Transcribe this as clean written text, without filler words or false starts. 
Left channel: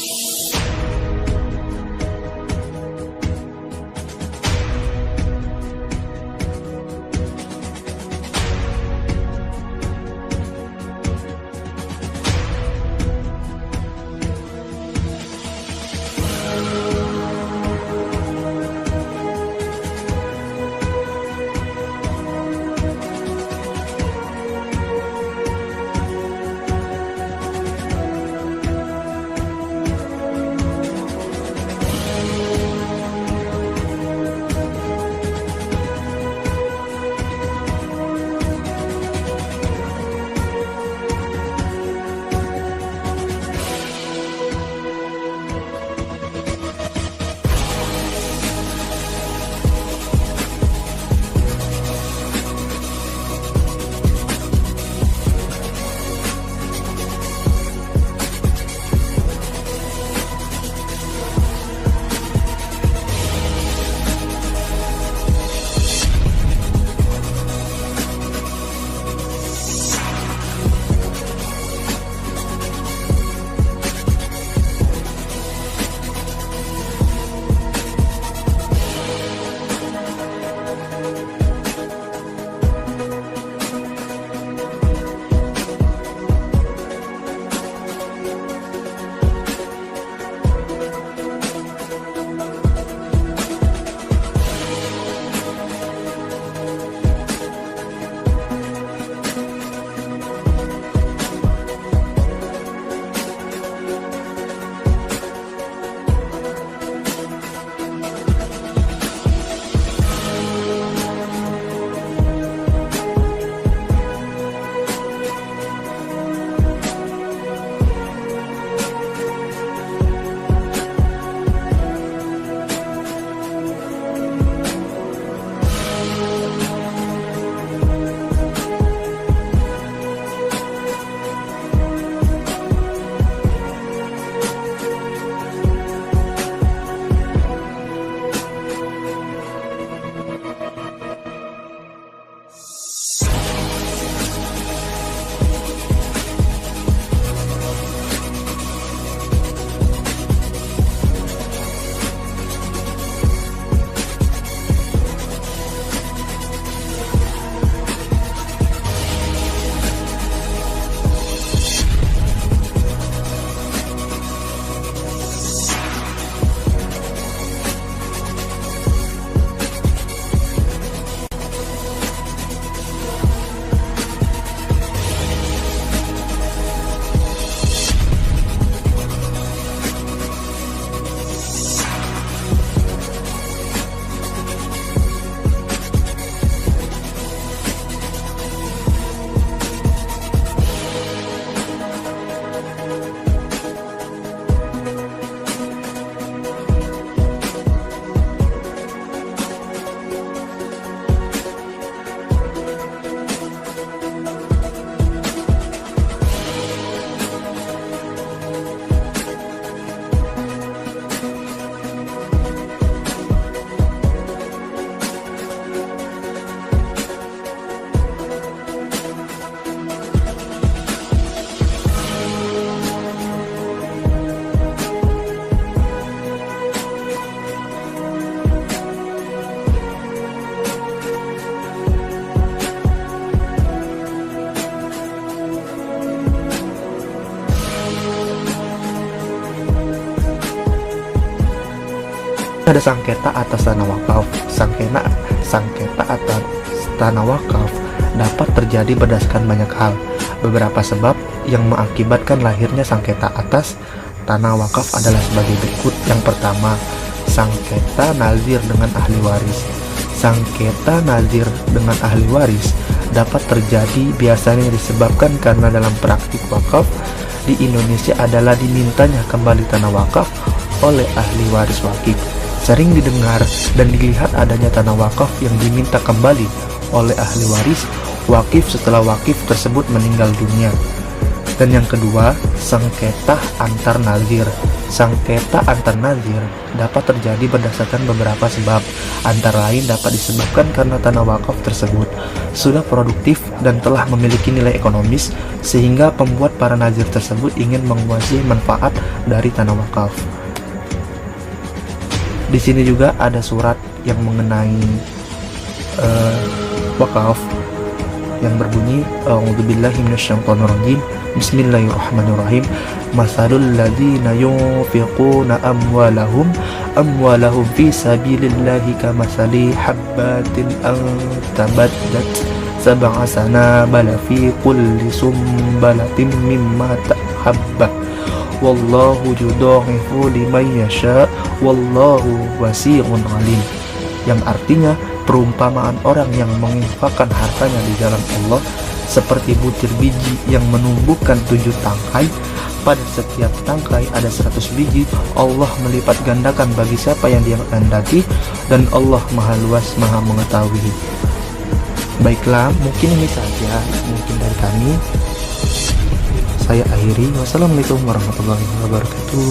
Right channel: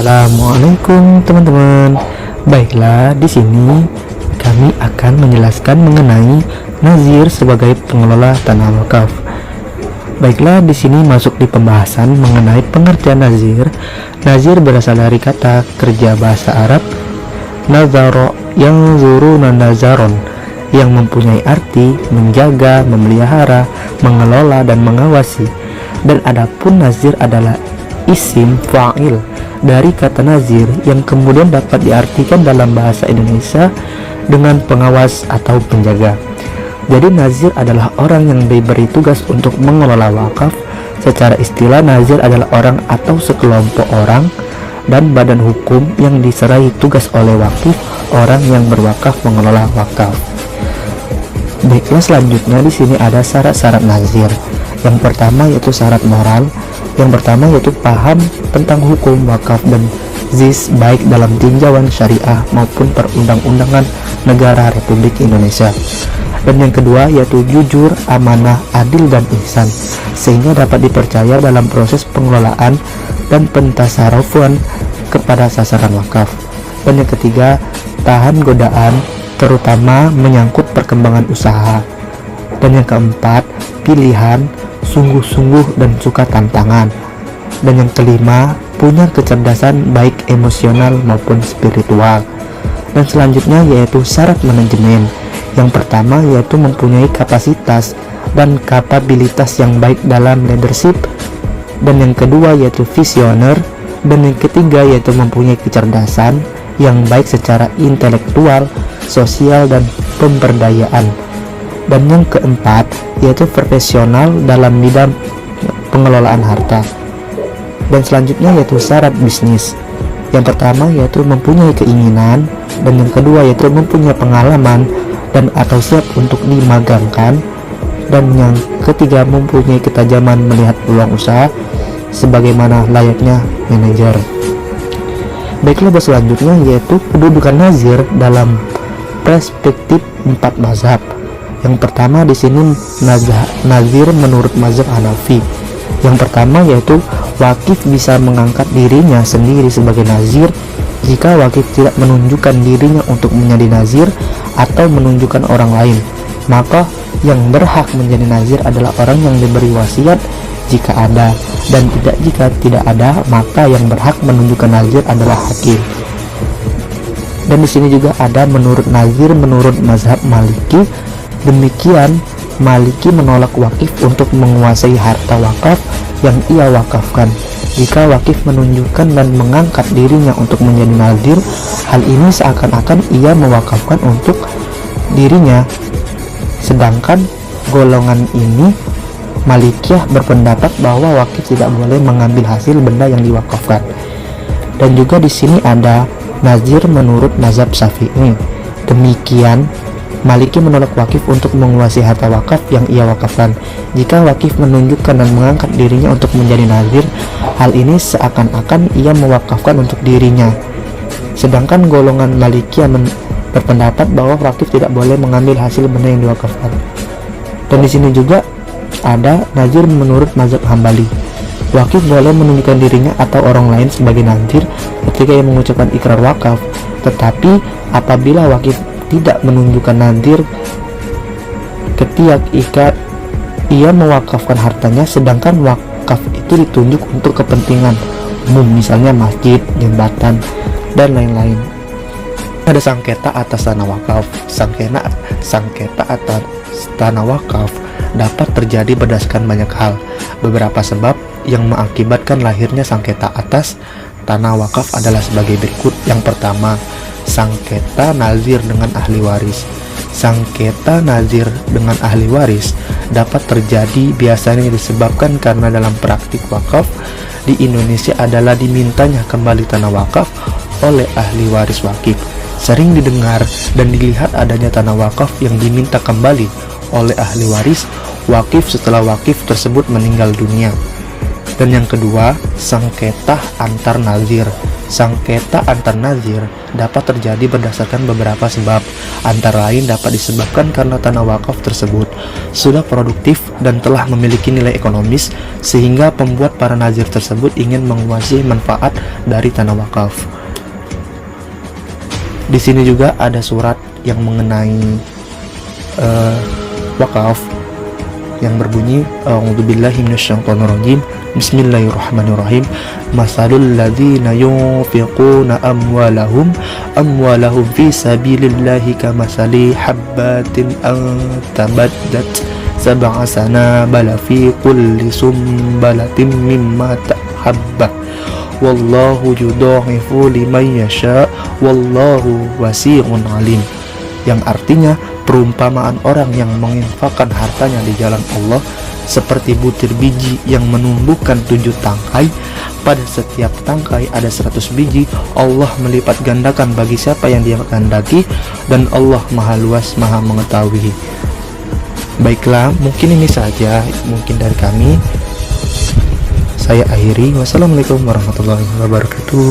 Assalamualaikum teman-teman. Baiklah, di sini kami akan menjelaskan mengenai nazir sebagai pengelola tanah wakaf. Baiklah, di sini masuk di pembahasan mengenai pengertian nazir. Nazir berasal dari kata kerja bahasa Arab nazaro yang zuruna nazaron, yang mempunyai arti menjaga, memelihara, mengelola, dan mengawasi. Dan adapun nazir adalah isim fa'il dari kata nazir yang kemudian dapat diartikan dalam bahasa Indonesia dengan pengawas atau penjaga. Jadi nazir adalah orang yang diberi tugas untuk mengelola wakaf. Secara istilah, nazir adalah orang atau sekelompok orang dan badan hukum yang diserahi tugas oleh wakif orang yang berwakaf mengelola wakaf. Baiklah, selanjutnya di sini ada syarat-syarat nazir. Yang pertama yaitu syarat moral. Yang pertama yaitu paham tentang hukum wakaf dan zis baik dalam tinjauan syariah maupun perundang-undangan negara Republik Indonesia. Dan yang kedua yaitu jujur, amanah, adil, dan ihsan, sehingga dapat dipercaya dalam proses pengelolaan dan pentasarufan kepada sasaran wakaf. Dan yang ketiga, tahan godaan, terutama menyangkut perkembangan usaha. Dan yang keempat, pilihan, sungguh-sungguh dan suka tantangan. Dan yang kelima, punya kecerdasan baik emosional maupun spiritual. Dan selanjutnya yaitu syarat manajemen. Yang pertama yaitu mempunyai kapasitas dan kapabilitas yang baik dalam leadership. Dan yang kedua yaitu visioner. Dan yang ketiga yaitu mempunyai kecerdasan yang baik secara intelektual, sosial, dan pemberdayaan. Dan yang keempat yaitu profesional dalam bidang pengelolaan harta. Dan selanjutnya yaitu syarat bisnis. Yang pertama yaitu mempunyai keinginan, dan yang kedua yaitu mempunyai pengalaman dan atau siap untuk dimagangkan, dan yang ketiga mempunyai ketajaman melihat peluang usaha sebagaimana layaknya manajer. Baiklah, selanjutnya yaitu kedudukan nazir dalam perspektif 4 mazhab. Yang pertama di sini nazir menurut mazhab Hanafi. Yang pertama yaitu wakif bisa mengangkat dirinya sendiri sebagai nazir jika wakif tidak menunjukkan dirinya untuk menjadi nazir atau menunjukkan orang lain. Maka yang berhak menjadi nazir adalah orang yang diberi wasiat jika ada, dan jika tidak ada, maka yang berhak menunjukkan nazir adalah hakim. Dan di sini juga ada menurut nazir menurut mazhab Maliki. Demikian, Maliki menolak wakif untuk menguasai harta wakaf yang ia wakafkan. Jika wakif menunjukkan dan mengangkat dirinya untuk menjadi nazir, hal ini seakan-akan ia mewakafkan untuk dirinya. Sedangkan golongan ini, Malikiyah, berpendapat bahwa wakif tidak boleh mengambil hasil benda yang diwakafkan. Dan juga di sini ada nazir menurut mazhab Syafi'i. Demikian, Maliki menolak wakif untuk menguasai harta wakaf yang ia wakafkan. Jika wakif menunjukkan dan mengangkat dirinya untuk menjadi nazir, hal ini seakan-akan ia mewakafkan untuk dirinya. Sedangkan golongan Malikiyah berpendapat bahwa wakif tidak boleh mengambil hasil benda yang diwakafkan. Dan di sini juga ada nazir menurut mazhab Hambali. Wakif boleh menunjukkan dirinya atau orang lain sebagai nazir ketika ia mengucapkan ikrar wakaf. Tetapi apabila wakif tidak menunjukkan nazir ketika ia mewakafkan hartanya, sedangkan wakaf itu ditunjuk untuk kepentingan umum, misalnya masjid, jembatan, dan lain-lain. Ada sengketa atas tanah wakaf. Sengketa atas tanah wakaf dapat terjadi berdasarkan banyak hal. Beberapa sebab yang mengakibatkan lahirnya sengketa atas tanah wakaf adalah sebagai berikut. Yang pertama, sengketa nazir dengan ahli waris. Sengketa nazir dengan ahli waris dapat terjadi biasanya disebabkan karena dalam praktik wakaf di Indonesia adalah dimintanya kembali tanah wakaf oleh ahli waris wakif. Sering didengar dan dilihat adanya tanah wakaf yang diminta kembali oleh ahli waris wakif setelah wakif tersebut meninggal dunia. Dan yang kedua, sengketa antar nazir. Sengketa antar nazir dapat terjadi berdasarkan beberapa sebab. Antara lain dapat disebabkan karena tanah wakaf tersebut sudah produktif dan telah memiliki nilai ekonomis sehingga pembuat para nazir tersebut ingin menguasai manfaat dari tanah wakaf. Di sini juga ada surat yang mengenai wakaf yang berbunyi A'udzubillahi minasyaitonirrajim. Bismillahirrahmanirrahim. Masalul ladzina yunfiquna amwalahum fi sabilillahi kamasali habbatin antabadat sab'a sanabala fi kulli sumbalatin mimma tahabba wallahu yudha'ifu liman yasha wallahu wasi'un alim. Yang artinya perumpamaan orang yang menginfakkan hartanya di jalan Allah seperti butir biji yang menumbuhkan 7 tangkai. Pada setiap tangkai ada 100 biji. Allah melipat gandakan bagi siapa yang dia kehendaki, dan Allah maha luas maha mengetahui. Baiklah, mungkin ini saja mungkin dari kami. Saya akhiri. Wassalamualaikum warahmatullahi wabarakatuh.